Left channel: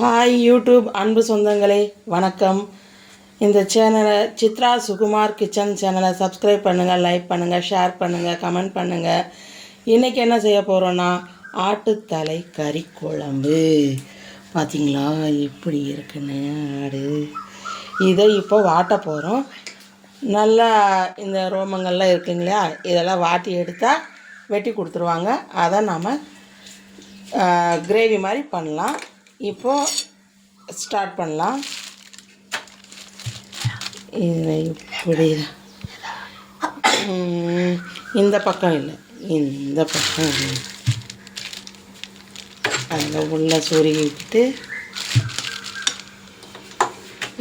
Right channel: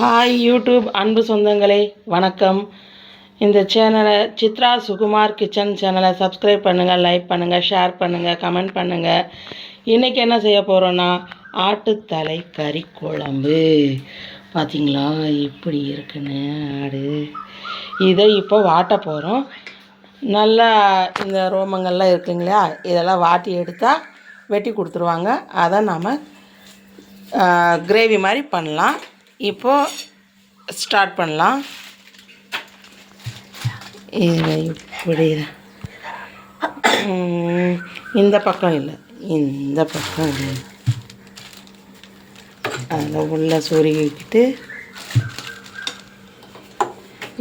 Hi YouTube அன்பு சொந்தங்களே, வணக்கம். இந்த சேனலை சித்ரா சுகுமார் கிச்சன் சேனலை சப்ஸ்கிரைப் பண்ணுங்கள், லைக் பண்ணுங்கள், ஷேர் பண்ணுங்கள், கமெண்ட் பண்ணுங்கள். இன்றைக்கி என்ன செய்ய போகிறோன்னா ஆட்டுத்தலை கறி குழம்பு. பார்த்திங்களா எப்படி இருக்குன்னு ஆடு. இதை இப்போ வாட்ட போகிறோம். நல்லா இந்த ரோமங்கள்லாம் இருக்குங்களா, இதெல்லாம் வாட்டி எடுத்தால் வெட்டி கொடுத்துருவாங்க. அதை நாம் கிரேவி மாதிரி பண்ணலாம். இப்போது ஸ்டார்ட் பண்ணலாம். இது இப்படி இந்த பக்கம் இல்லை, இந்த பக்கம் அதில் உள்ள சொருகிக்கிட்டு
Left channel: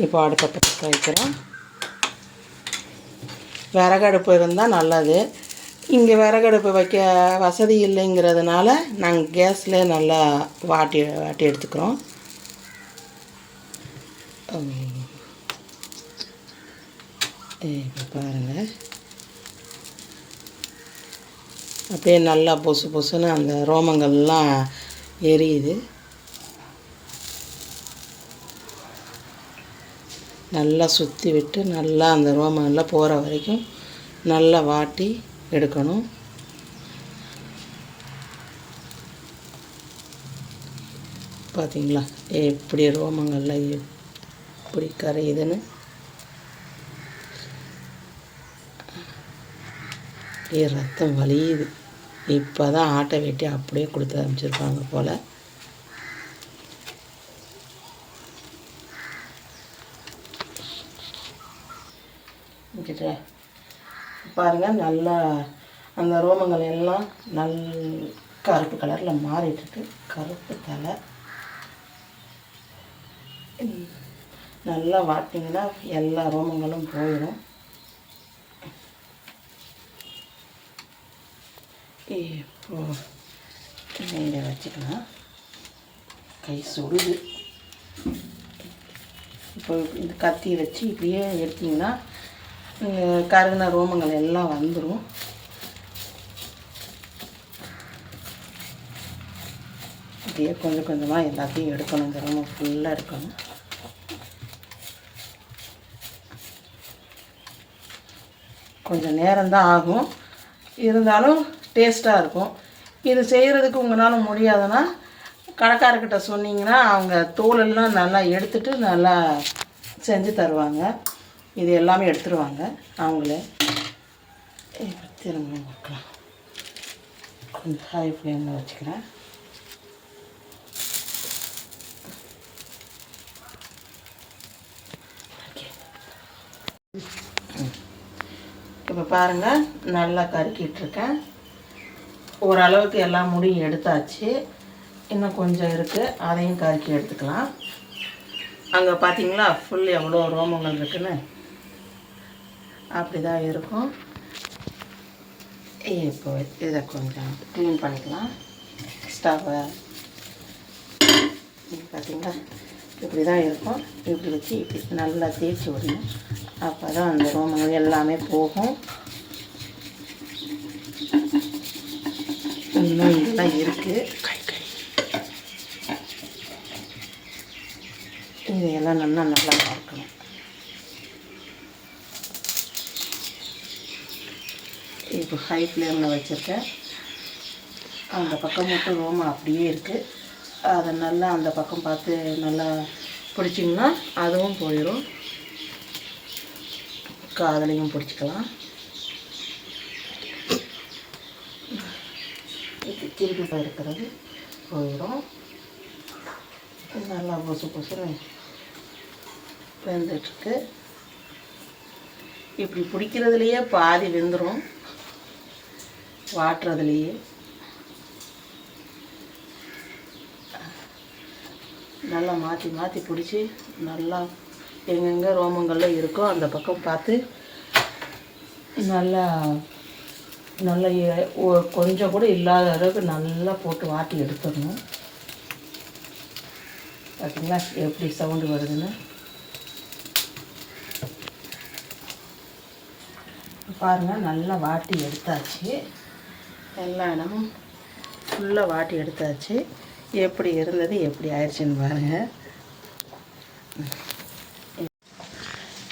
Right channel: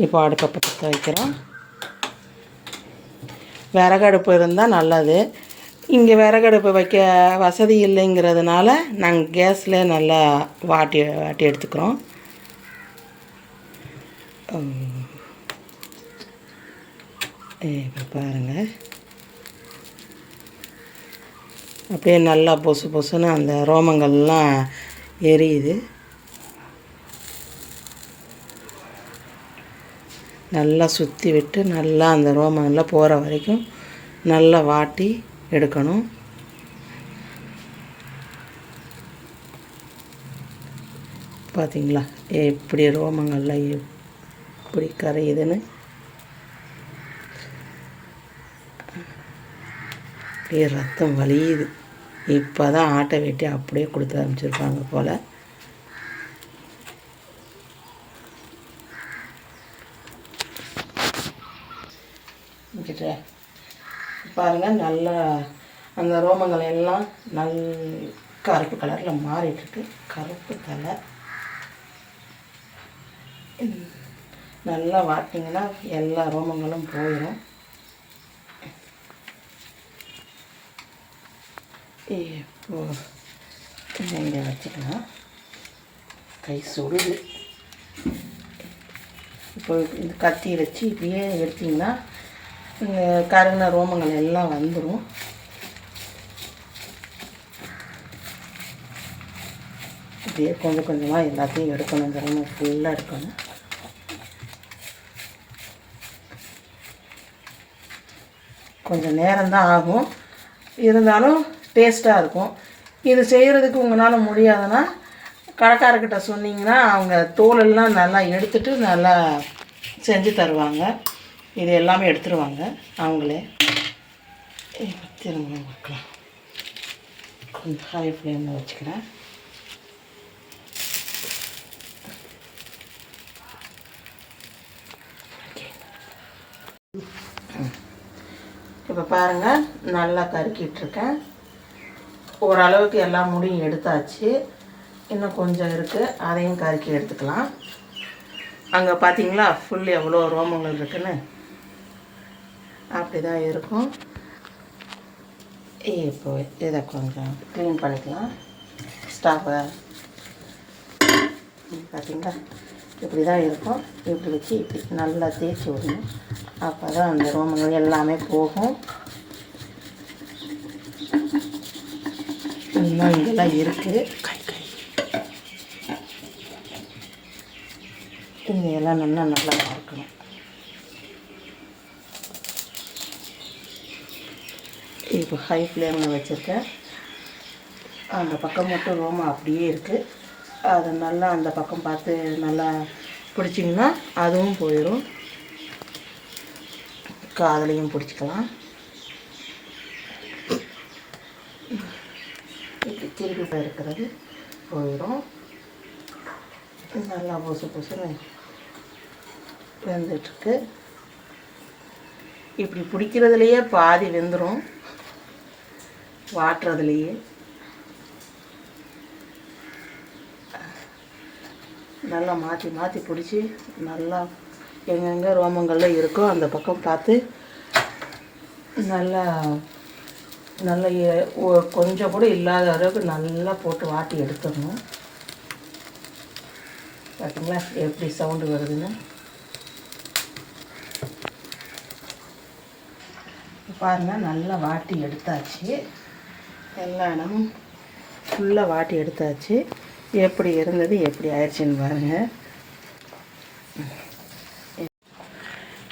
இப்போ அடுப்பை பற்ற வைக்கிறோம். விறகடுப்பு இருந்தால் நல்லது. இங்கே விறகடுப்பு வைக்க வசதி இல்லைங்கிறதுனால நாங்கள் கேஸில் நல்லா வாட்டி எடுத்துக்கிறோம். இப்போ பாருங்கள், அப்படியே நல்லா பொசு பொசுன்னு அந்த ரோமங்கள்லாம் எரியுது. நல்லா சுற்றி விட்டு நல்லா அந்த ரோமங்கள்லாம் போகிற வரைக்கும் நல்லா வாட்டி எடுக்கணும். பார்த்தீங்களா எப்படி ரோமங்கள்லாம் எப்படி கரையுதுன்னு. அப்படியே ரத்தம் வலியுது. இப்போ தான் ஆட்டை வெட்டி அப்படியே கொடுத்து அனுப்பிச்சிருப்பாங்க போல். பாருங்கள், நல்லா அந்த ரோமங்கள் எல்லாம் கருப்பு கலரில் மாறிட்டுருக்கு. கருப்பு தலை நல்லா வாட்டிங்கன்னா எல்லா ரோமங்களும் போயிடும். இப்போது இங்கே வச்சுக்கலாம். கை சுடுது. இப்போ இந்த கத்தி வச்சு இப்படியே எடுத்திங்கன்னா கருகின ரோமங்கள் எல்லாம் வந்துடும். அப்படியே கொஞ்சம் கொஞ்சமாக எல்லாத்தையும் எடுக்கணும். இந்த ரோமம் ஃபுல்லாக எடுக்கணும். கொஞ்சம் நேரம்தான் ஆகும், இருந்தாலும் டேஸ்ட்டாக இருக்கும். இது செய்கிறதுக்கு உங்களால் முடியாதுன்னா கடைக்காரர்கிட்ட சொன்னிங்கன்னா அவங்க தோலெல்லாம் நல்லா எடுத்துகிட்டு நல்லா செஞ்சு தருவாங்க. இது எல்லாமே எடுத்துருவாங்க அவங்களே. திரும்ப வைக்கலாம். கொஞ்சம் ஹை ஃப்ளேமில் வச்சுக்கிறேன். இப்போ பாருங்கள், நல்லா கருக்கிட்டுருக்கேன். ஓரளவுக்கு எல்லா முடியும் எடுத்தாச்சு. இன்னும் கொஞ்சம் இருக்குது, அதையும் கருக்கி எடுத்துக்கலாம். அங்கே பார்த்தீங்களா ஃபுல் எவ்வளோ ரோமங்கள் இருக்குன்னு. அப்படி தான் இருக்கும். இப்போ இதை கொஞ்சம் க்ளீன் பண்ணிக்கலாம். ஸ்டவ்வை பார்த்தீங்களா இப்படி தான் இருக்கும். இப்படி வச்சு இப்படி நல்லா தேய்ச்சி விடணும். அப்போ தான் அந்த ரோமங்கள் எல்லாமே போகும். இன்னும் இங்கெல்லாம் இருக்குது. இதையெல்லாம் நல்லா பார்க்கணும். இப்போ ஹை ஃப்ளேமில் வச்சுருக்கேன். அந்த பக்கம் மட்டும் ரோமம் அப்படியே இருக்குது. அதை நல்லா அந்த பக்கம் பார்த்து நல்லா பிடிச்சிங்கன்னா அதுவும் போயிடும். காதலையும் பிடிச்சிக்கலாம். இப்படி திருப்பி இருக்கிறது போயிடும். நல்லா பொசு பொசுன்னு வெந்துட்டுருக்கு. இப்படி பிடிக்கிறதுலையே பாதி வெந்துடும், வாட்டுறதுலையே. நல்லா மாற்றி மாற்றி பிடிச்சி நல்லா எங்கெங்கே ரோமங்கள்லாம் இருக்கோ அந்த பக்கம் பார்த்து நல்லா நல்லா கொஞ்சம் கூட இல்லாத அளவுக்கு நல்லா போட்டு வாட்டி எடுத்துடணும். பார்த்தீங்களா எப்படி சவுண்டு வருதுன்னு. பாருங்கள், நல்லா வாட்டி எடுத்தாச்சு. எல்லா இடமும் ஃபுல்லாக வாட்டி எடுத்தாச்சு. எப்படி இருந்தது எப்படி ஆயிடுச்சுன்னு பாருங்கள்.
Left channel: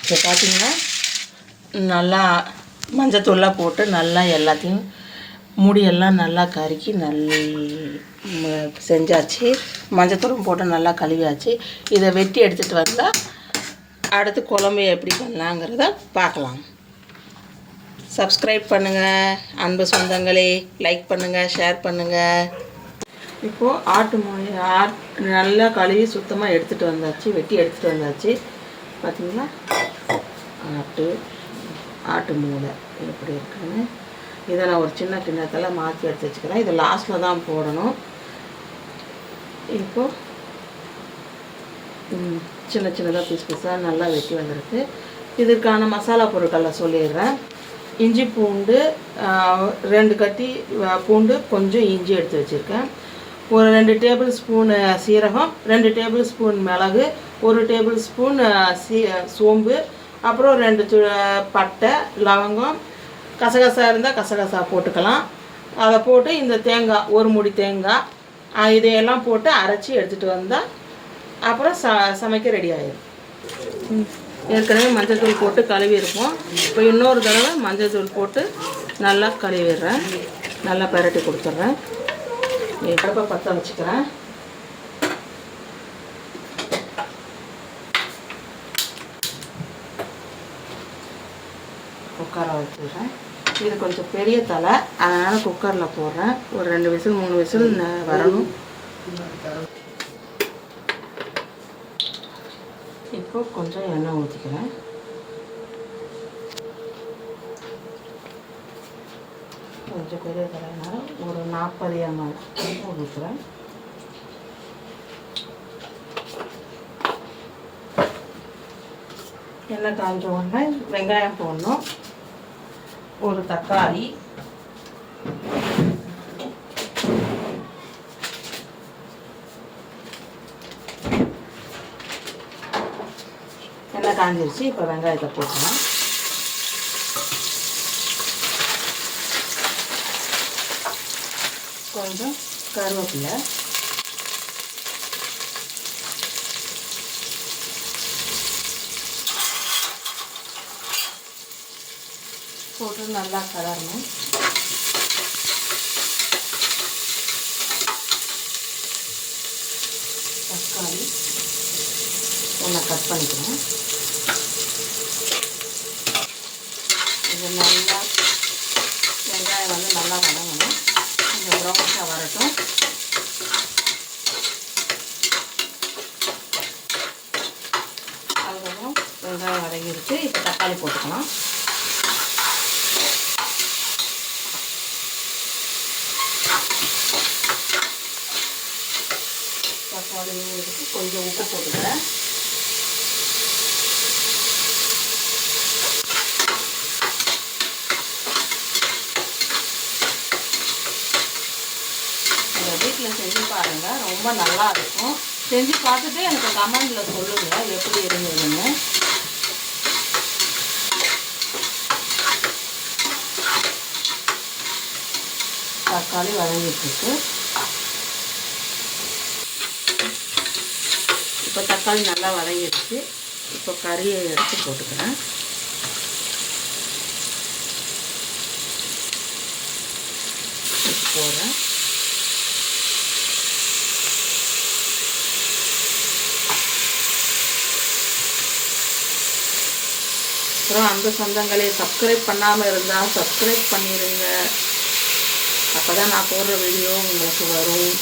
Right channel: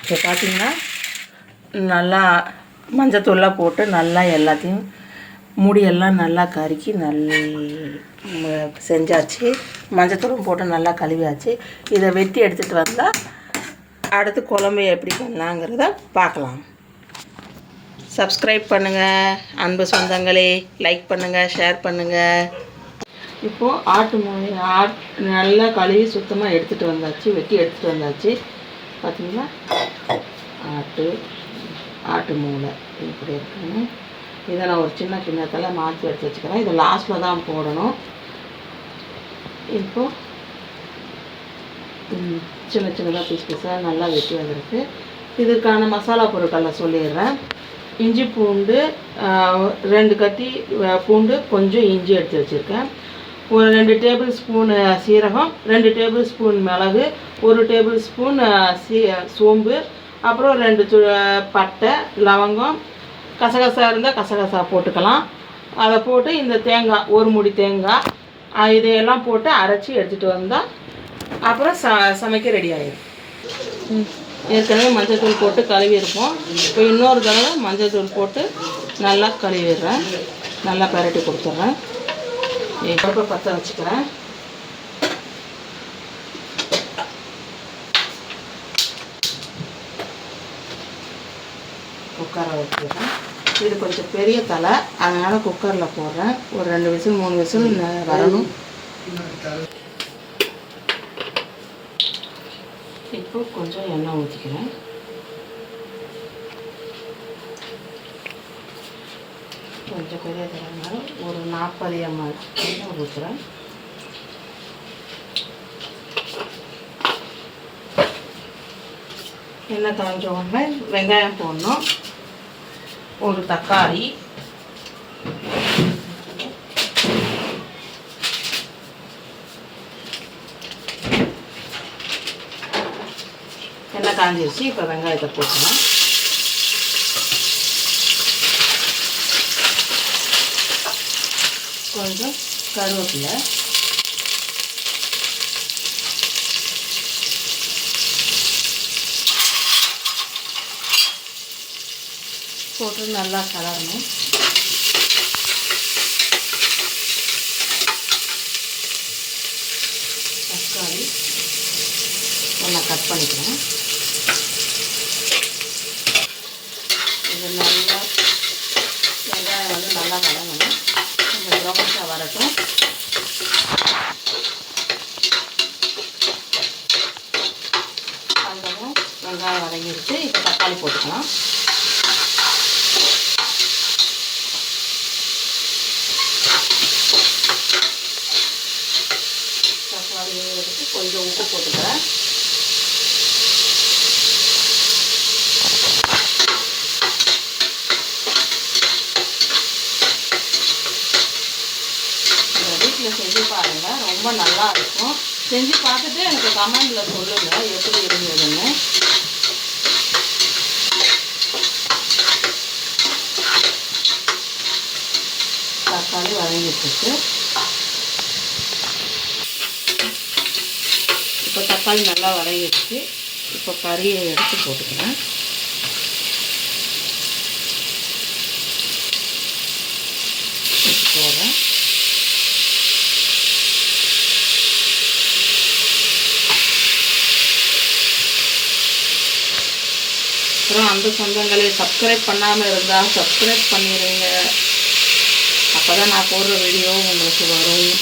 இப்போ பார்த்திங்கன்னா நல்லா மஞ்சத்தூள்லாம் போட்டு நல்லா எல்லாத்தையும் முடியெல்லாம் நல்லா கருக்கி செஞ்சாச்சு. மஞ்சத்தூளும் போட்டு நல்லா கழுவியாச்சு. இதை வெட்டி எடுத்துகிட்டு வந்தால் அடுத்து குழம்பு எப்படி பண்ணலாங்கிறத பார்க்கலாம். சப்ஸ்கிரைப் பண்ணுங்கள் அன்பு சொந்தங்களே, லைக் பண்ணுங்கள், ஷேர் பண்ணுங்கள். இப்போது நல்லா கழுவி சுத்தமாக எடுத்துகிட்டு வந்தாச்சு, வெட்டி எடுத்துகிட்டு வந்தாச்சு. பார்த்திங்களா, ஆட்டு மூளை எப்படி இருக்குன்னு இதை நான் ஒரு சின்ன கிண்ணத்தில் மாற்றி எடுத்து வச்சுக்கிறேன். இதை லாஸ்ட்டில் தான் போடணும். இப்போது சின்ன சின்னதாக பீஸாக நல்லா வெட்டி வந்திருக்கு. இதுக்கான மசாலா பொருட்களை சொல்லிடுறேன். இஞ்சி பூண்டு 2 கட்டி பூண்டு, கொஞ்சம் இஞ்சி எடுத்து வச்சுருக்கேன். ஒரு 2 டேபிள் ஸ்பூன் சீரகம், 2 டேபிள் ஸ்பூன் மிளகு, 1 டேபிள் ஸ்பூன் சோம்பு, அப்புறம் 2 பட்டை, லவங்கம், கசகசா இருந்தால் கசகசா போட்டுக்கலாம். அதை போட்டு இந்த தேங்காய், ஒரு மூடி தேங்காய், இதையெல்லாம் போட்டு அரைச்சி எடுத்துகிட்டு வந்தால் அப்புறம் சமைக்க ரெடி ஆகிடும். ஏற்கனவே மஞ்சள் தூள் போட்டு கழுவி இருப்போம். இப்போ இன்னொரு தடவை மஞ்சள் தூள் போட்டு நல்லா கழுவிடுறேன். நல்லா பரட்டி கொடுத்துட்றேன். இப்போ பற்ற வச்சுக்கிறேன். குக்கரை வச்சுக்கிறேன். இது கொஞ்சம் பெரிய தலை, அதனால் குக்கரில் போடுறேன். ஒரு 2 விசில் 3 விசில் வரணும். இப்போ கொஞ்சம் எண்ணெய் ஊற்றிக்கிறேன். கொஞ்சம் பெரிய தலைனால ஒரு 40 ml எண்ணெய் ஊற்றுறேன். எண்ணெய் காஞ்ச உடனே வெங்காயம் போடணும். ஒரு தக்காளி, எண்ணெய் காஞ்சிருச்சு. இப்போ வெங்காயத்தை போட்டுக்கலாம். கொஞ்சம் கருவேப்பிலை, போட்டு நல்லா கலரணும். தக்காளி நல்லா கட் பண்ணிக்கிறேன். இது நல்லா வெங்காயம் நல்லா வதங்கணும். கொஞ்சம் ப்ரௌனிஷாக வரட்டும். அதுக்கப்புறம் வெங்காயம் வதங்கிடுச்சு. இப்போ தக்காளி போட்டுக்கலாம். தக்காளியும் எடுத்து கொஞ்சம் உப்பு போட்டுக்கிறேன். வீட்டில் செஞ்சு பாருங்கள், ரொம்ப நல்லா இருக்கும். செஞ்சு பார்த்துட்டு எனக்கு கமெண்டில் சொல்லுங்கள் எப்படி இருந்ததுன்னு. தக்காளி வதங்கிட்டு இப்போ தக்காளி நல்லா வதங்கிடுச்சு. இப்போ கறியை எடுத்து போட்டுக்கிறேன். போடுறேன். அப்புறம் அந்த சொந்தங்களை சப்ஸ்கிரைப் பண்ணாமல் இருந்தால் சப்ஸ்கிரைப் பண்ணிடுங்க. அப்போ தான் நான் போடுற வீடியோ உங்களுக்கு வரும்,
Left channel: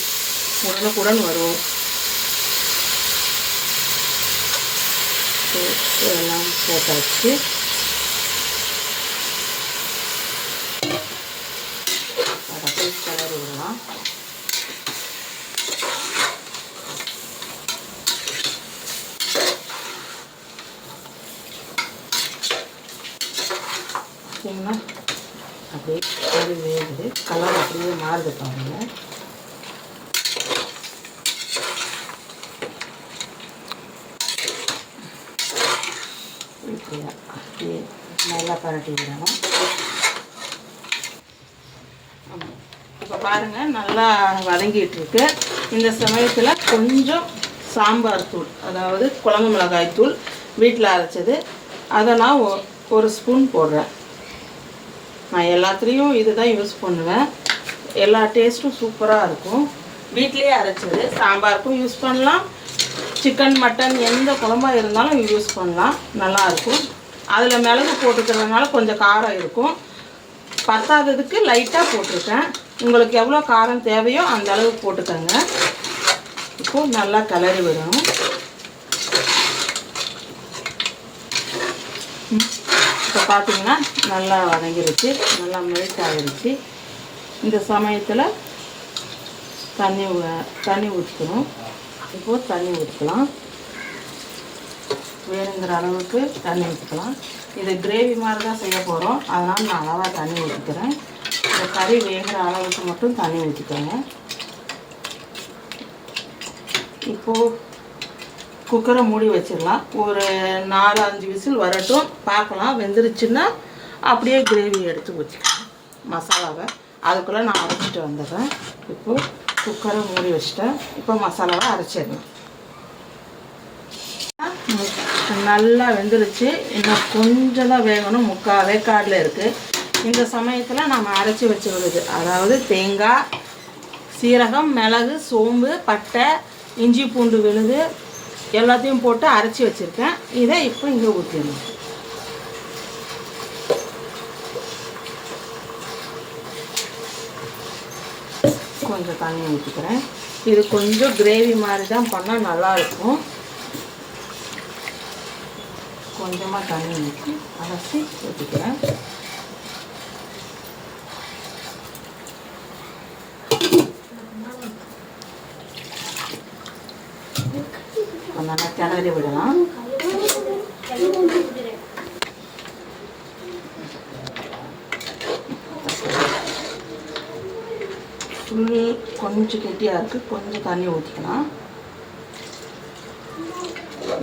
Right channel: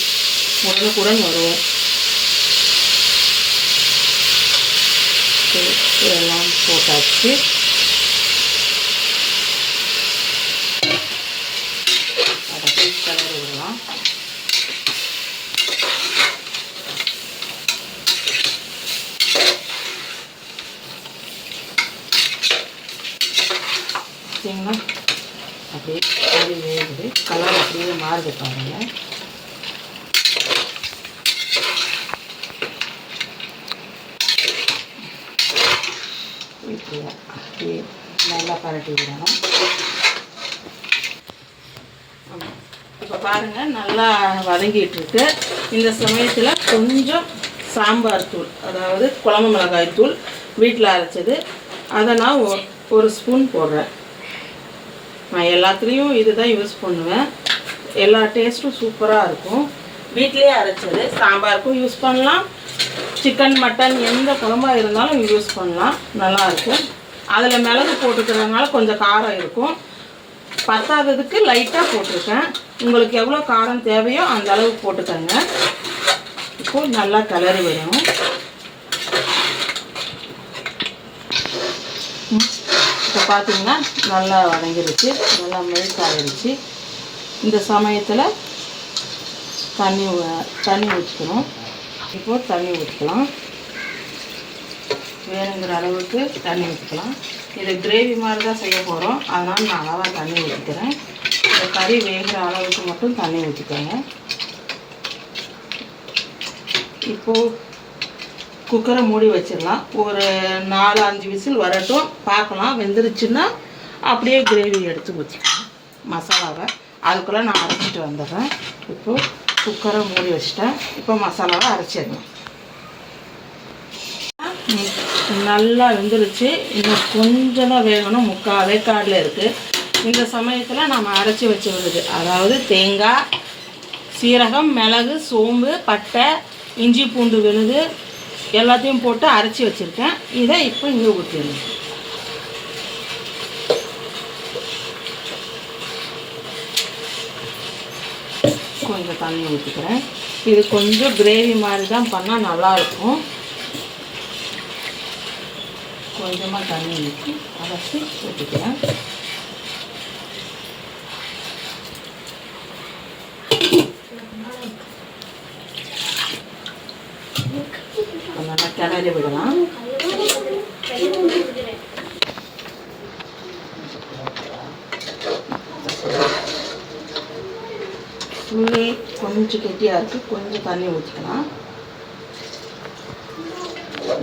உடனுக்குடன் வரும். எல்லாம் போட்டாச்சு. அதை போய் கிளறி விடலாம். பார்த்தீங்கன்னா அப்படியே அது வேகுது. கலர் அப்படியே மாறுது பாருங்க. அப்படியே நல்லா பரட்டி விடணும். இப்போ பாருங்கள் நல்லா வதங்கிட்டு இருக்கு. இந்த சமயத்தில் கொஞ்சம் சாம்பார் தூள், அதாவது குழம்பு மிளகாய் தூள் வீட்டில் அரைச்சது. அதை நான் ஒரு ஸ்பூன் போடுறேன். நான் எல்லாத்துலேயும் இது தான் யூஸ் பண்ணுவேன். எல்லா டேஸ்ட்டும் சூப்பராக இருக்கும். வீட்டிலே அரைச்சது. சாம்பாருக்கும் யூஸ் பண்ணலாம், சிக்கன் மட்டன் எந்த குழம்பாக இருந்தாலும் யூஸ் பண்ணலாம், நல்லாயிருக்கும். அதில் மிளகு போட்டுக்கிறதுனால கொஞ்சம் காரம் இருக்கும். பத்தாததுக்கு லைட்டாக போட்டிருக்கேன். உங்களுக்கு எவ்வளோ காரம் தேவையோ அந்த அளவுக்கு போட்டுக்கோங்க. இப்போது நல்லா கிளறி விடணும். இப்போ பார்த்தீங்கன்னா நல்லா வதங்கிருச்சு, நல்லா மெல்ட் ஆகிருச்சு. இந்த சமயத்தில் தண்ணி ஊற்றிக்கணும். இப்போது தண்ணி ஊற்றிக்கலாம். வேணுங்கிற அளவுக்கு தண்ணி ஊற்றிக்கலாம். இது கிரேவி மாதிரி தான் செய்ய போகிறோம், அதனால் நான் அளவாக தண்ணி ஊற்றிக்கிறேன். இந்த கறி வேகிற அளவுக்கு மட்டும் தண்ணி ஊற்றிக்கோங்க. இப்போது குக்கரை மூடி வச்சிடலாம். ஒரு 4-5 விசில் வரட்டும், பார்க்கலாம். வெந்துருச்சுன்னா அப்படியே கிரேவி எடுத்து ஊற்றிக்கலாம் மசாலாவை. அதுக்குள்ளே நான் அரைச்சிட்டு வந்துடுறேன். இப்போது குக்கரை மூடி வச்சிட்டேன். இப்போ மசாலாவை அரைச்சிடலாம். நல்லா வெந்துருச்சு. இன்னும் கொஞ்சம் தான் வேகணும், 3/4 வேக்காடில் இருக்குது. இந்த சமயத்தில் நம்ம அரைச்சி வச்சு விடுது, அதாவது தேங்காய், சீரகம், மிளகு, சோம்பு, பட்டை, இஞ்சி பூண்டு விழுது எல்லாத்தையும் போட்டு அரைச்சி வச்சுருக்கேன். இதை இப்போ இங்கே ஊற்றிடணும். கொஞ்சம் தண்ணி ஊற்றிக்கிறேன். இது கொஞ்சம் கிரேவி மாதிரி தான் பண்ணால் நல்லாயிருக்கும். கொஞ்சமாக தண்ணி ஊற்றி அரைச்சி ஊற்றிக்கிறேன். நல்லா கிளறி விடலாம். புளி கொஞ்சம் கெட்டியாக இருக்குது, கொஞ்சம் தண்ணி ஊற்றிக்கலாம்.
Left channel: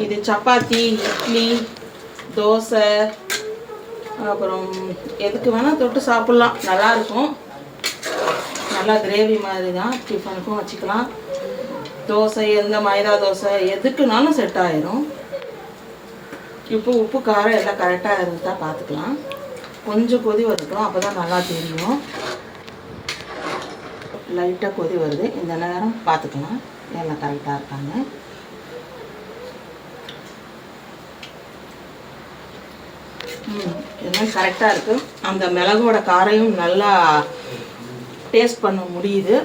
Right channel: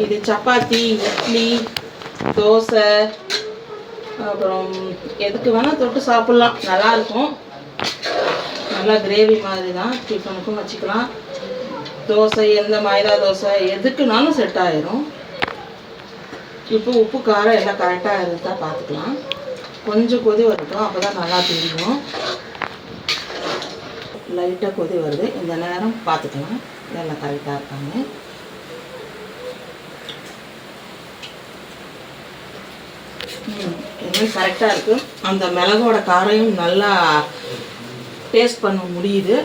இது சப்பாத்தி, இட்லி, தோசை, அப்புறம் எதுக்கு வேணால் தொட்டு சாப்பிட்லாம், நல்லாயிருக்கும். நல்லா கிரேவி மாதிரி தான். டிஃபனுக்கும் வச்சுக்கலாம். தோசை, எந்த மைதா தோசை எதுக்குனாலும் செட் ஆயிரும். இப்போ உப்பு காரம் எல்லாம் கரெக்டாக இருந்தால் பார்த்துக்கலாம். கொஞ்சம் கொதி வரட்டும், அப்போ தான் நல்லா தெரியும். லைட்டாக கொதி வருது, இந்த நேரம் பார்த்துக்கலாம் எல்லாம் கரெக்டாக இருக்காங்க. இதெல்லாம் கரெக்டாக இருக்குது. அந்த மிளகோட காரையும் நல்லா டேஸ்ட் பண்ண முடியுது.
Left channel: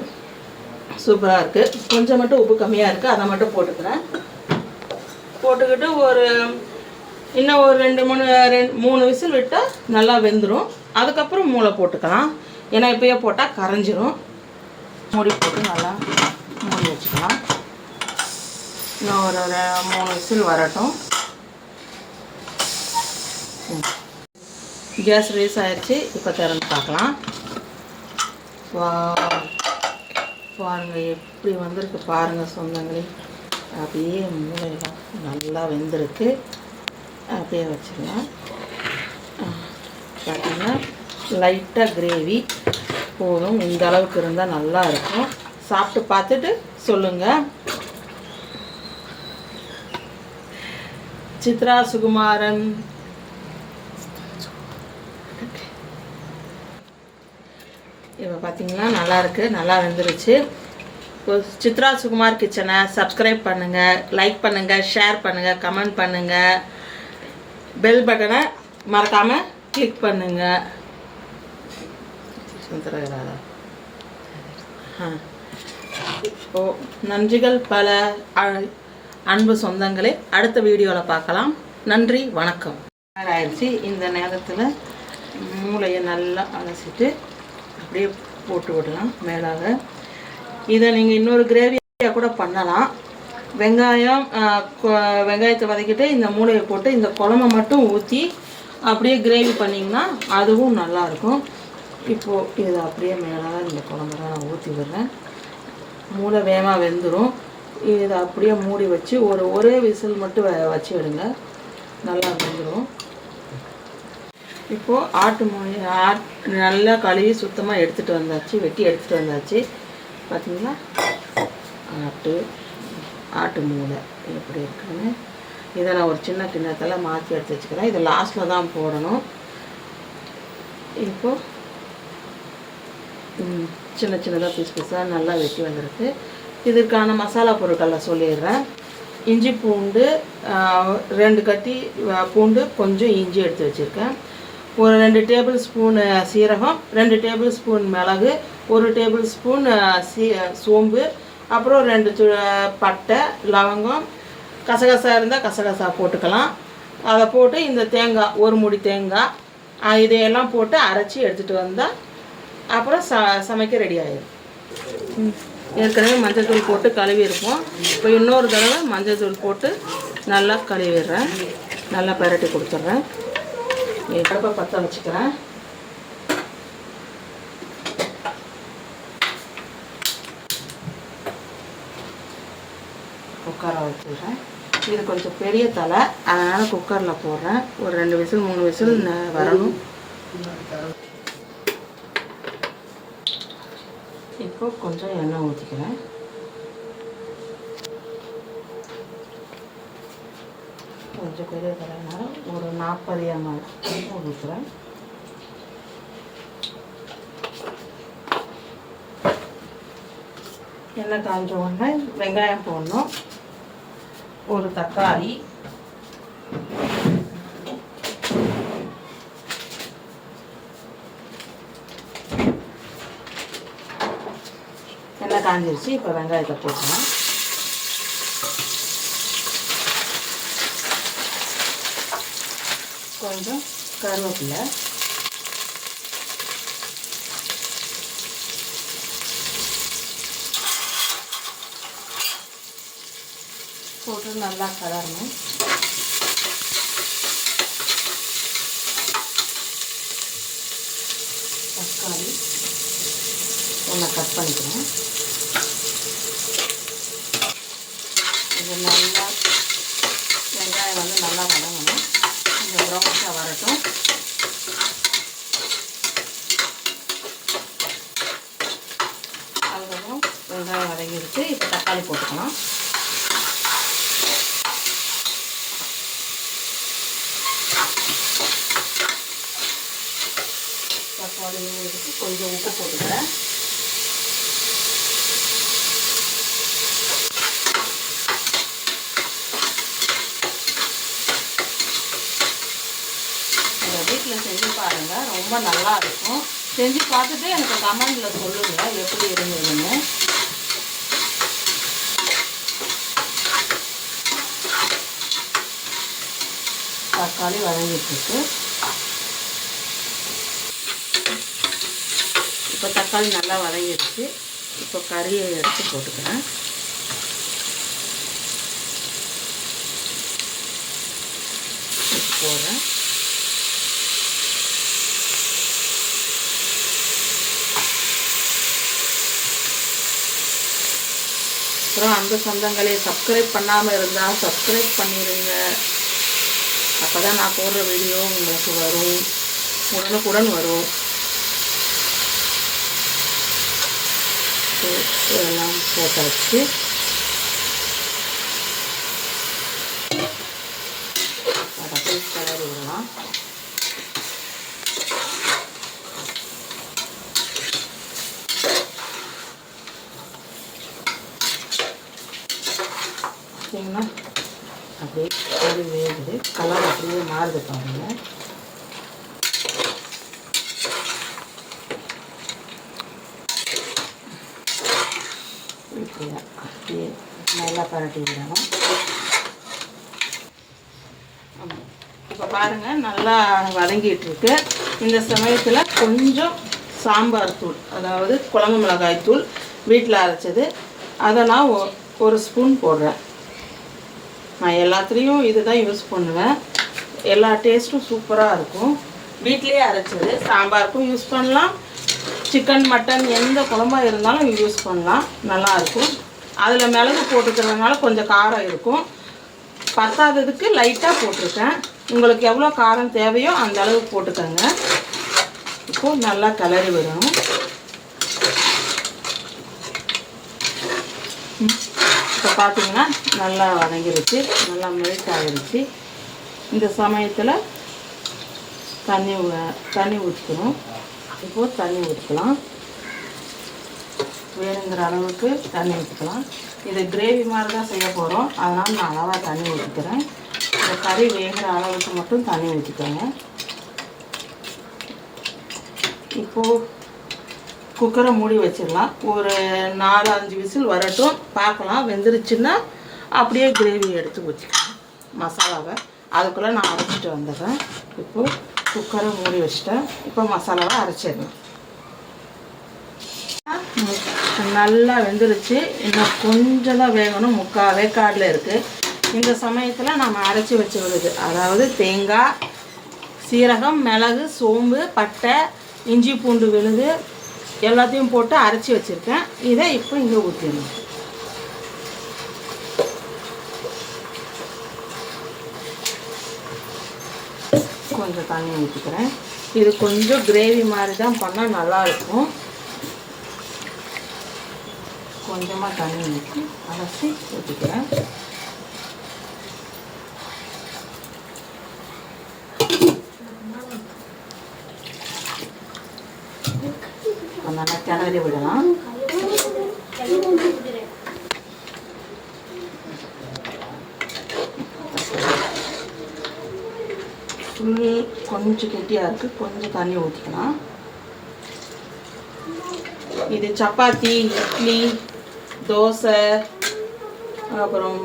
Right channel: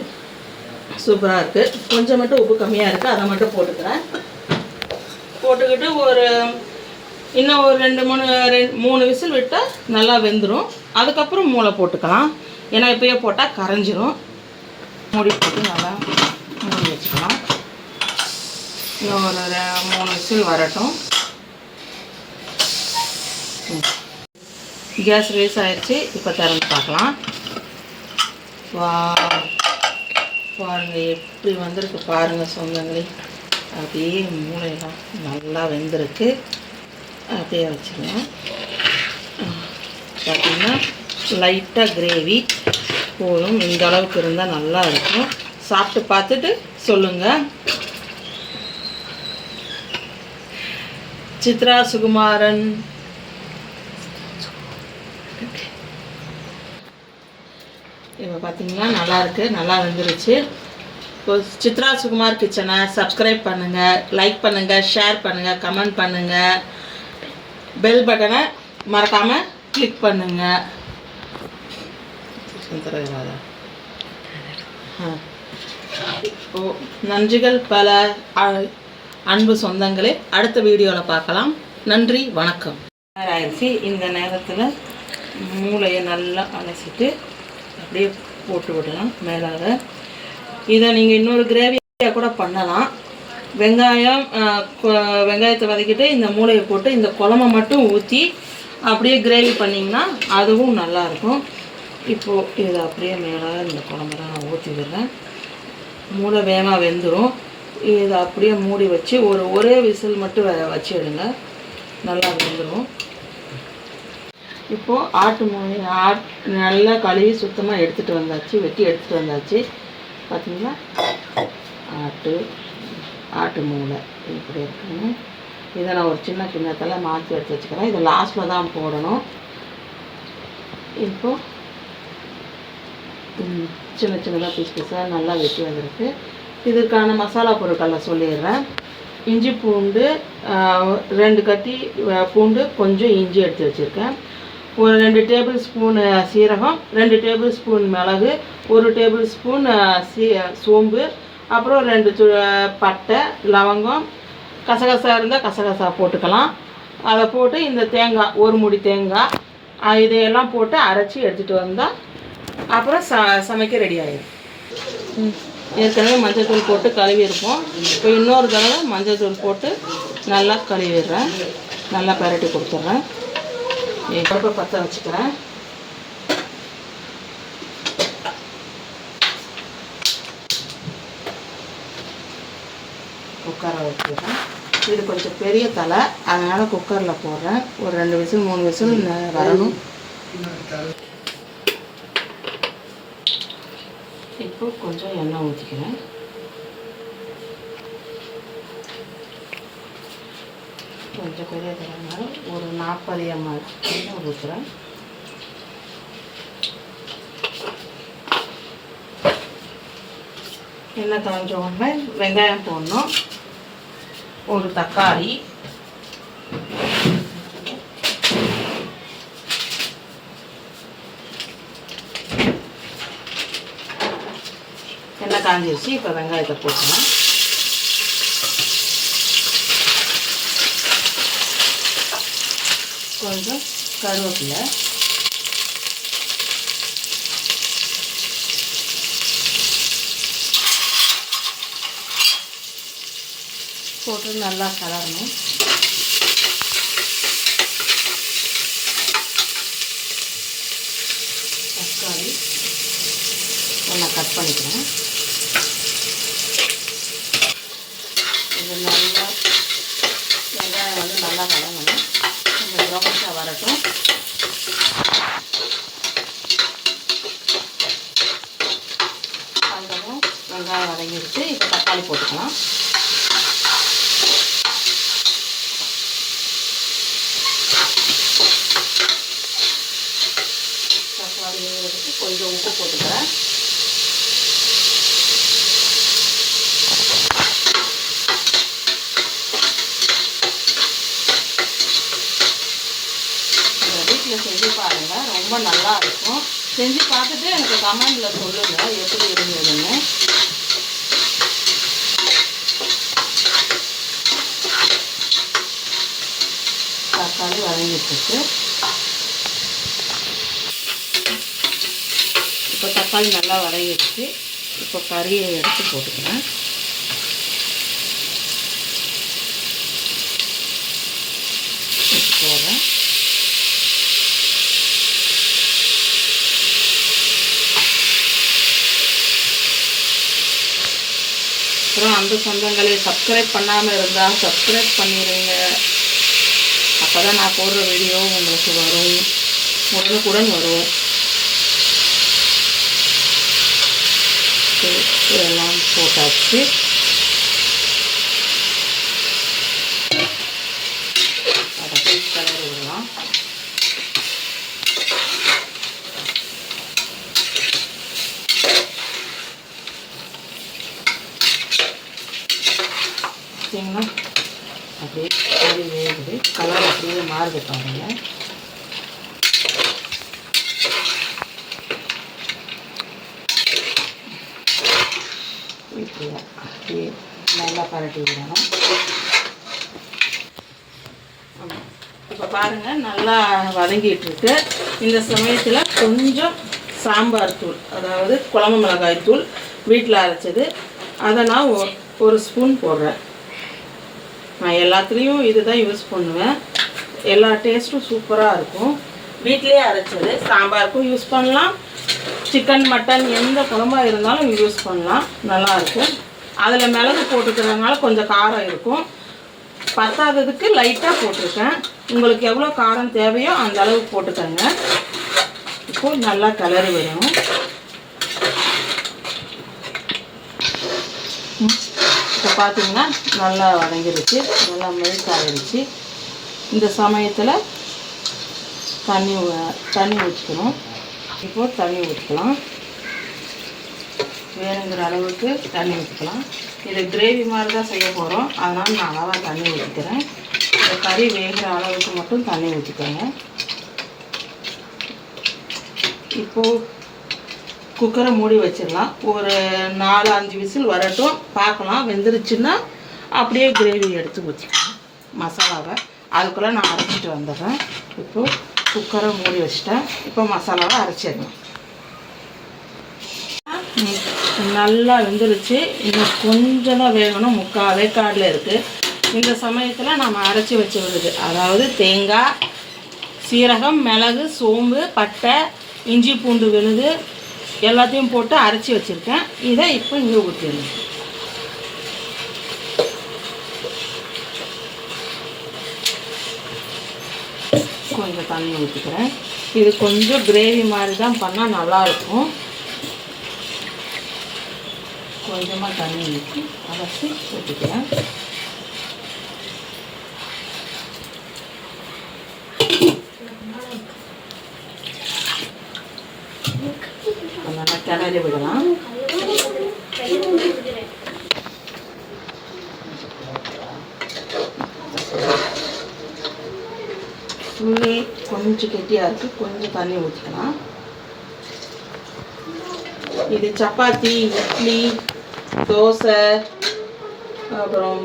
சூப்பராக இருக்குது. கொஞ்சம் மட்டும் உப்பு கம்மியாக இருக்குது, அதை மட்டும் போட்டுக்கிறேன். போட்டுக்கிட்டு இன்னும் ஒரு 2-3 விசில் விட்டால் நல்லா வெந்துடும். அதுக்கப்புறம் மூளை போட்டுக்கலாம், ஏன்னா இப்போயே போட்டால் கரைஞ்சிரும். மூடி போட்டு நல்லா மூடி வச்சுக்கலாம். இன்னும் ஒரு 3 விசில் வரட்டும். கேஸ் ரிலீஸ் ஆகிடுச்சு. இப்போ திறந்து பார்க்கலாம். பாருங்கள் எப்படி வந்திருக்கு பாருங்கள் சொந்தங்களே. அப்படியே மூளையெல்லாம் நல்லா வெந்திருக்கு. அப்படியே வச்சிடலாம். பார்த்திங்கன்னா லைட்டாக கிரேவி போதும். இந்த அளவுக்கு இருந்தால் நல்லா இருக்கும். சாப்பிட்டு பார்த்துட்டு சொல்லுங்கள். சித்ரா சுகுமாரன். இப்போ பார்த்தீங்கன்னா நல்லாயிருக்கு, நல்லா வந்துருச்சு. இப்போ சித்ரா சுகுமார் கிச்சனை சப்ஸ்கிரைப் பண்ணுங்கள், லைக் பண்ணுங்கள், ஷேர் பண்ணுங்கள், கமெண்ட் பண்ணுங்கள், பெல் பட்டனை மறக்காமல் கிளிக் பண்ணுங்கள். இப்போது நன்றிகள் பல அன்பு சொந்தங்களே. அடுத்த வீடியோவில் பார்க்கலாம். நன்றி, வணக்கம். ஆயிடுச்சு. இந்த நேரத்தில் மூளையை நல்லா அலசிட்டு அப்படியே போட்டு விடலாம் மேலாக. இதை நீங்கள் இன்னொரு கிரேவியாக கூட பண்ணலாம். வெங்காயத்தை வதக்கிட்டு இந்த மூளையை போட்டு இந்த குழம்பை மட்டும் ஊற்றி அப்படியே கிரேவி பண்ணிங்கன்னா அதுவும் நல்லாயிருக்கும். இப்போது இதை அப்படியே மேலாக இந்த குழம்பெல்லாம் நான் ஊற்றி விடுறேன். மூளை வேகமாக வெந்துடும். இதை அப்படியே மூடி வச்சு ஒரே விசில் மட்டும் வச்சு எடுங்க, நல்லா வெந்துடும். இப்போது ஆட்டு நல்லா கழுவி சுத்தமாக வெட்டி எடுத்துகிட்டு வந்தாச்சு. பார்த்தீங்களா, ஆட்டு மூளை எப்படி இருக்குன்னு இதை நான் ஒரு சின்ன கிண்ணத்தில் மாற்றி எடுத்து வச்சுக்கிறேன். இது லாஸ்ட்டில் தான் போடணும். இப்போது சின்ன சின்னதாக பீஸாக நல்லா வெட்டி வந்திருக்கு. இதற்கான மசாலா பொருட்களை சொல்லிடுறேன். இஞ்சி பூண்டு 2 கட்டி பூண்டு, கொஞ்சம் இஞ்சி எடுத்து வச்சுருக்கேன். ஒரு 2 டேபிள் ஸ்பூன் சீரகம், 2 டேபிள் ஸ்பூன் மிளகு, 1 டேபிள் ஸ்பூன் சோம்பு, அப்புறம் 2 பட்டை, லவங்கம், கசகசா இருந்தால் கசகசா போட்டுக்கலாம். அதை போட்டு இந்த தேங்காய், ஒரு மூடி தேங்காய், இதையெல்லாம் போட்டு அரைச்சி எடுத்துகிட்டு வந்தால் அப்புறம் சமைக்க ரெடி ஆகிடும். ஏற்கனவே மஞ்சள் தூள் போட்டு கழுவிருப்போம். இப்போ இன்னொரு தடவை மஞ்சள் தூள் போட்டு நல்லா கழுவிடுறேன். நல்லா பரட்டி கொடுத்துட்றேன். அடுப்பை பற்ற வச்சுக்கிறேன். குக்கரை வச்சுக்கிறேன். இது கொஞ்சம் பெரிய தலை, அதனால் குக்கரில் போடுறேன். ஒரு 2 விசில் 3 விசில் வரணும். இப்போ கொஞ்சம் எண்ணெய் ஊற்றிக்கிறேன். கொஞ்சம் பெரிய தரனால ஒரு 40 ml எண்ணெய் ஊற்றுறேன். எண்ணெய் காஞ்ச உடனே வெங்காயம் போடணும். ஒரு தக்காளி, எண்ணெய் காஞ்சிருச்சு. இப்போ வெங்காயத்தை போட்டுக்கலாம். கொஞ்சம் கருவேப்பிலை, போட்டு நல்லா கலரணும். தக்காளி நல்லா கட் பண்ணிக்கிறேன். இது நல்லா வெங்காயம் வந்து நல்லா வதங்கணும். இந்த ப்ரௌனிஷாக வரட்டும். அதுக்கப்புறம் வெங்காயம் வதங்கிடுச்சு. இப்போ தக்காளி போட்டுக்கலாம். தக்காளி எடுத்து கொஞ்சம் உப்பு போட்டுக்கிறேன். வீட்டில் செஞ்சு பாருங்கள், ரொம்ப நல்லா இருக்கும். செஞ்சு பார்த்துட்டு எனக்கு கமெண்டில் சொல்லுங்கள் எப்படி இருந்ததுன்னு. தக்காளி வதங்கிட்டு இப்போ தக்காளி நல்லா வதங்கிடுச்சு. இப்போ கறியை எடுத்து போட்டுக்கிறேன். போடுறேன். அப்புறம் அந்த சொந்தங்களே சப்ஸ்கிரைப் பண்ணாமல் இருந்தால் சப்ஸ்கிரைப் பண்ணிடுங்க. அப்போ தான் நான் போடுற வீடியோ உங்களுக்கு வரும், உடனுக்குடன் வரும். எல்லாம் போட்டாச்சு. அதை போய் கலரி விடலாம். பார்த்தீங்கன்னா அப்படியே கோழி வேகுது. கலர் அப்படியே மாறுது பாருங்க. இப்படியே அப்படியே நல்லா பரட்டி விடணும். இப்போ பாருங்கள் நல்லா வதங்கிட்டு இருக்கு. இந்த சமயத்தில் கொஞ்சம் சாம்பார் தூள், அதாவது குழம்பு மிளகாய் தூள் வீட்டில் அரைச்சது, அதை நான் 1 ஸ்பூன் போடுறேன். நான் எல்லாத்துலேயும் இது தான் யூஸ் பண்ணுவேன். எல்லா டேஸ்ட்டும் சூப்பராக இருக்கும். வீட்டிலே அரைச்சது. சாம்பாருக்கும் யூஸ் பண்ணலாம், சிக்கன் மட்டன் எந்த குழம்பாக இருந்தாலும் யூஸ் பண்ணலாம், நல்லாயிருக்கும். அதில் மிளகு போட்டுக்கிறதுனால கொஞ்சம் காரம் இருக்கும். பத்தாததுக்கு லைட்டாக போட்டிருக்கேன். உங்களுக்கு எவ்வளோ காரம் தேவையோ அந்த அளவு போட்டுக்கோங்க. இப்போது நல்லா கிளறி விடணும். இப்போ பார்த்தீங்கன்னா நல்லா வதங்கிருச்சு, நல்லா மெல்ட் ஆகிருச்சு. இந்த சமயத்தில் தண்ணி ஊற்றிக்கணும். இப்போது தண்ணி ஊற்றிக்கலாம், வேணுங்கிற அளவுக்கு தண்ணி ஊற்றிக்கலாம். இது கிரேவி மாதிரி தான் செய்ய போகிறோம், அதனால் நான் அளவாக தண்ணி ஊற்றிக்கிறேன். இந்த கறி வேகிற அளவுக்கு மட்டும் தண்ணி ஊற்றிக்கோங்க. இப்போது குக்கரை மூடி வச்சிடலாம். ஒரு 4-5 விசில் வரட்டும், பார்க்கலாம். வெந்துருச்சுன்னா அப்படியே கிரேவி எடுத்து ஊற்றிக்கலாம் மசாலாவை. அதுக்குள்ளே நான் அரைச்சிட்டு வந்துடுறேன். இப்போது குக்கரை மூடி வச்சிட்டேன். இப்போ மசாலாவை அரைச்சிடலாம். நல்லா வெந்துருச்சு, இன்னும் கொஞ்சம் தான் வேகணும், 3/4 வேக்காடில் இருக்குது. இந்த சமயத்தில் நம்ம அரைச்சி வச்சு விடுது, அதாவது தேங்காய், சீரகம், மிளகு, சோம்பு, பட்டை, இஞ்சி பூண்டு விழுது எல்லாத்தையும் போட்டு அரைச்சி வச்சுருக்கேன். இதை இப்போ இங்கே ஊற்றிடணும். கொஞ்சம் தண்ணி ஊற்றிக்கிறேன். இது கொஞ்சம் கிரேவி மாதிரி தான் பண்ணால் நல்லாயிருக்கும். கொஞ்சமாக தண்ணி ஊற்றி அரைச்சி ஊற்றிக்கிறேன். நல்லா கிளறி விடலாம். புளி கொஞ்சம் கெட்டியாக இருக்குது, கொஞ்சம் தண்ணி ஊற்றிக்கலாம். இது சப்பாத்தி, இட்லி, தோசை, அப்புறம்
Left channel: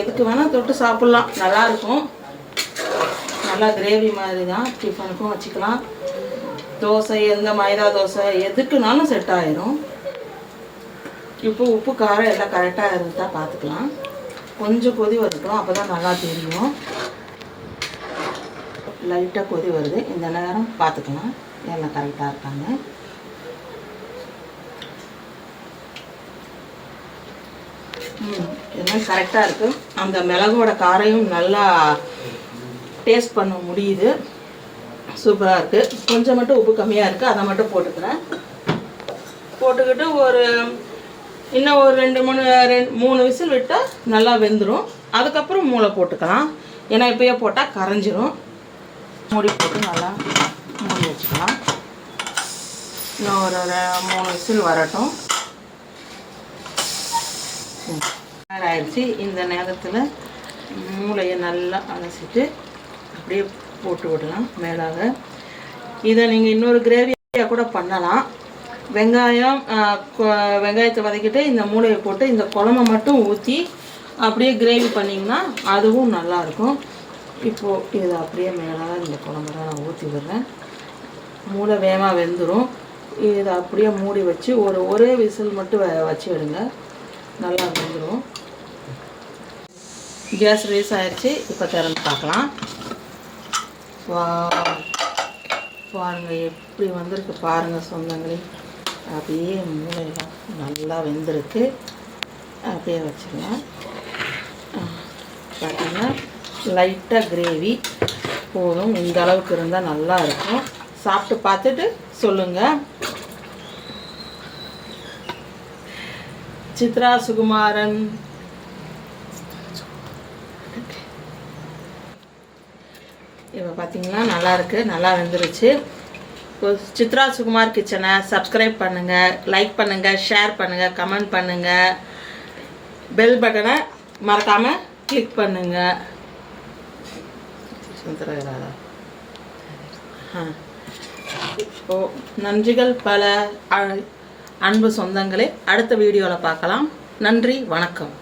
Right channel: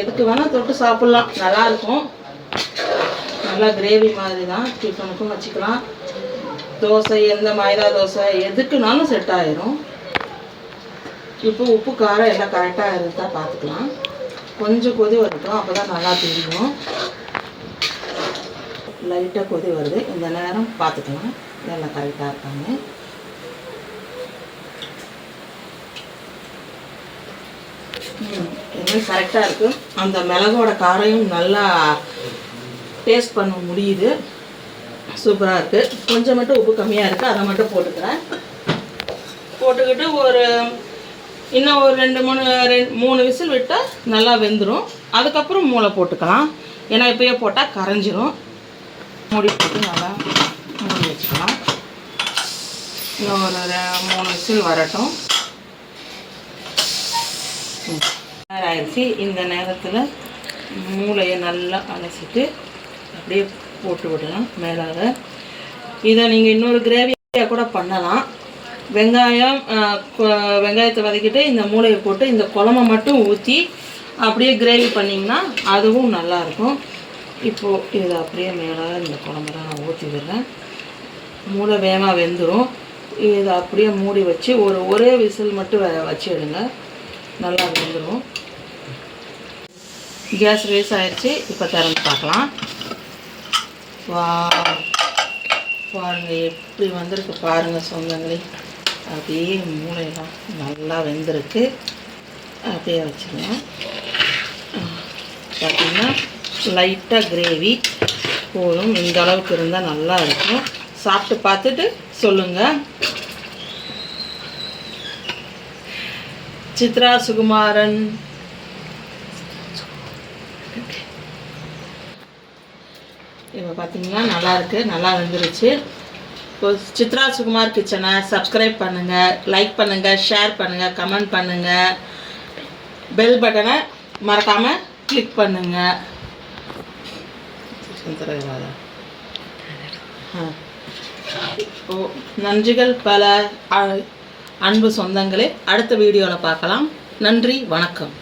எதுக்கு வேணால் தொட்டு சாப்பிட்லாம், நல்லாயிருக்கும். நல்லா கிரேவி மாதிரி தான், டிஃபனுக்கும் வச்சுக்கலாம். தோசை, எந்த மைதா தோசை எதுக்குனாலும் செட் ஆயிரும். இப்போ உப்பு காரம் எல்லாம் கரெக்டாக இருந்தா பார்த்துக்கலாம். கொஞ்சம் கொதி வரட்டும், அப்போ தான் நல்லா தெரியும். லைட்டாக கொதி வருது, இந்த நேரம் பார்த்துக்கலாம் எல்லாம் கரெக்டாக இருக்காங்க. இதெல்லாம் கரெக்டாக இருக்குது. அந்த மிளகோட காரையும் நல்லா டேஸ்ட் பண்ண முடியுது. சூப்பராக இருக்குது. கொஞ்சம் மட்டும் உப்பு கம்மியாக இருக்குது, அதை மட்டும் போட்டுக்கிறேன். போட்டுக்கிட்டு இன்னும் ஒரு 2-3 விசில் விட்டால் நல்லா வெந்துடும். அதுக்கப்புறம் மூளை போட்டுக்கலாம், ஏன்னா இப்போயே போட்டால் கரைஞ்சிரும். மூடி போட்டு நல்லா மூடி வச்சுக்கலாம். இன்னும் ஒரு 3 விசில் வரட்டும். ஆயிடுச்சு. இந்த நேரத்தில் மூளையை நல்லா அலசிட்டு அப்படியே போட்டு விடலாம் மேலாக. இதை நீங்கள் இன்னொரு கிரேவியாக கூட பண்ணலாம். வெங்காயத்தை வதக்கிட்டு இந்த மூளையை போட்டு இந்த குழம்பை மட்டும் ஊற்றி அப்படியே கிரேவி பண்ணிங்கன்னா அதுவும் நல்லாயிருக்கும். இப்போது இதை அப்படியே மேலாக இந்த குழம்புல நான் ஊற்றி விடுறேன். மூளை வேகமாக வெந்துடும். இதை அப்படியே மூடி வச்சு ஒரே விசில் மட்டும் வச்சு எடுங்க, நல்லா வெந்துடும். கேஸ் ரைஸ் ஆகிடுச்சு. இப்போ திறந்து பார்க்கலாம். வா, பாருங்கள் எப்படி வந்திருக்கு பாருங்கள் சொந்தங்களே. அப்படியே மூளையெல்லாம் நல்லா வெந்திருக்கு. அப்படியே வச்சுருங்க. பார்த்திங்கன்னா லைட்டாக கிரேவி போதும், இந்த அளவுக்கு இருந்தால் நல்லா இருக்கும். சாப்பிட்டு பார்த்துட்டு சொல்லுங்கள். சித்ரா சுகுமாரன். இப்போ பார்த்தீங்கன்னா நல்லாயிருக்கு, நல்லா வந்துருச்சு. இப்போ சித்ரா சுகுமார் கிச்சனை சப்ஸ்கிரைப் பண்ணுங்கள், லைக் பண்ணுங்கள், ஷேர் பண்ணுங்கள், கமெண்ட் பண்ணுங்கள். பெல் பட்டனை மறக்காமல் கிளிக் பண்ணுங்கள். இப்போது நன்றிகள் பல அன்பு சொந்தங்களே. அடுத்த வீடியோவில் பார்க்கலாம். நன்றி, வணக்கம்.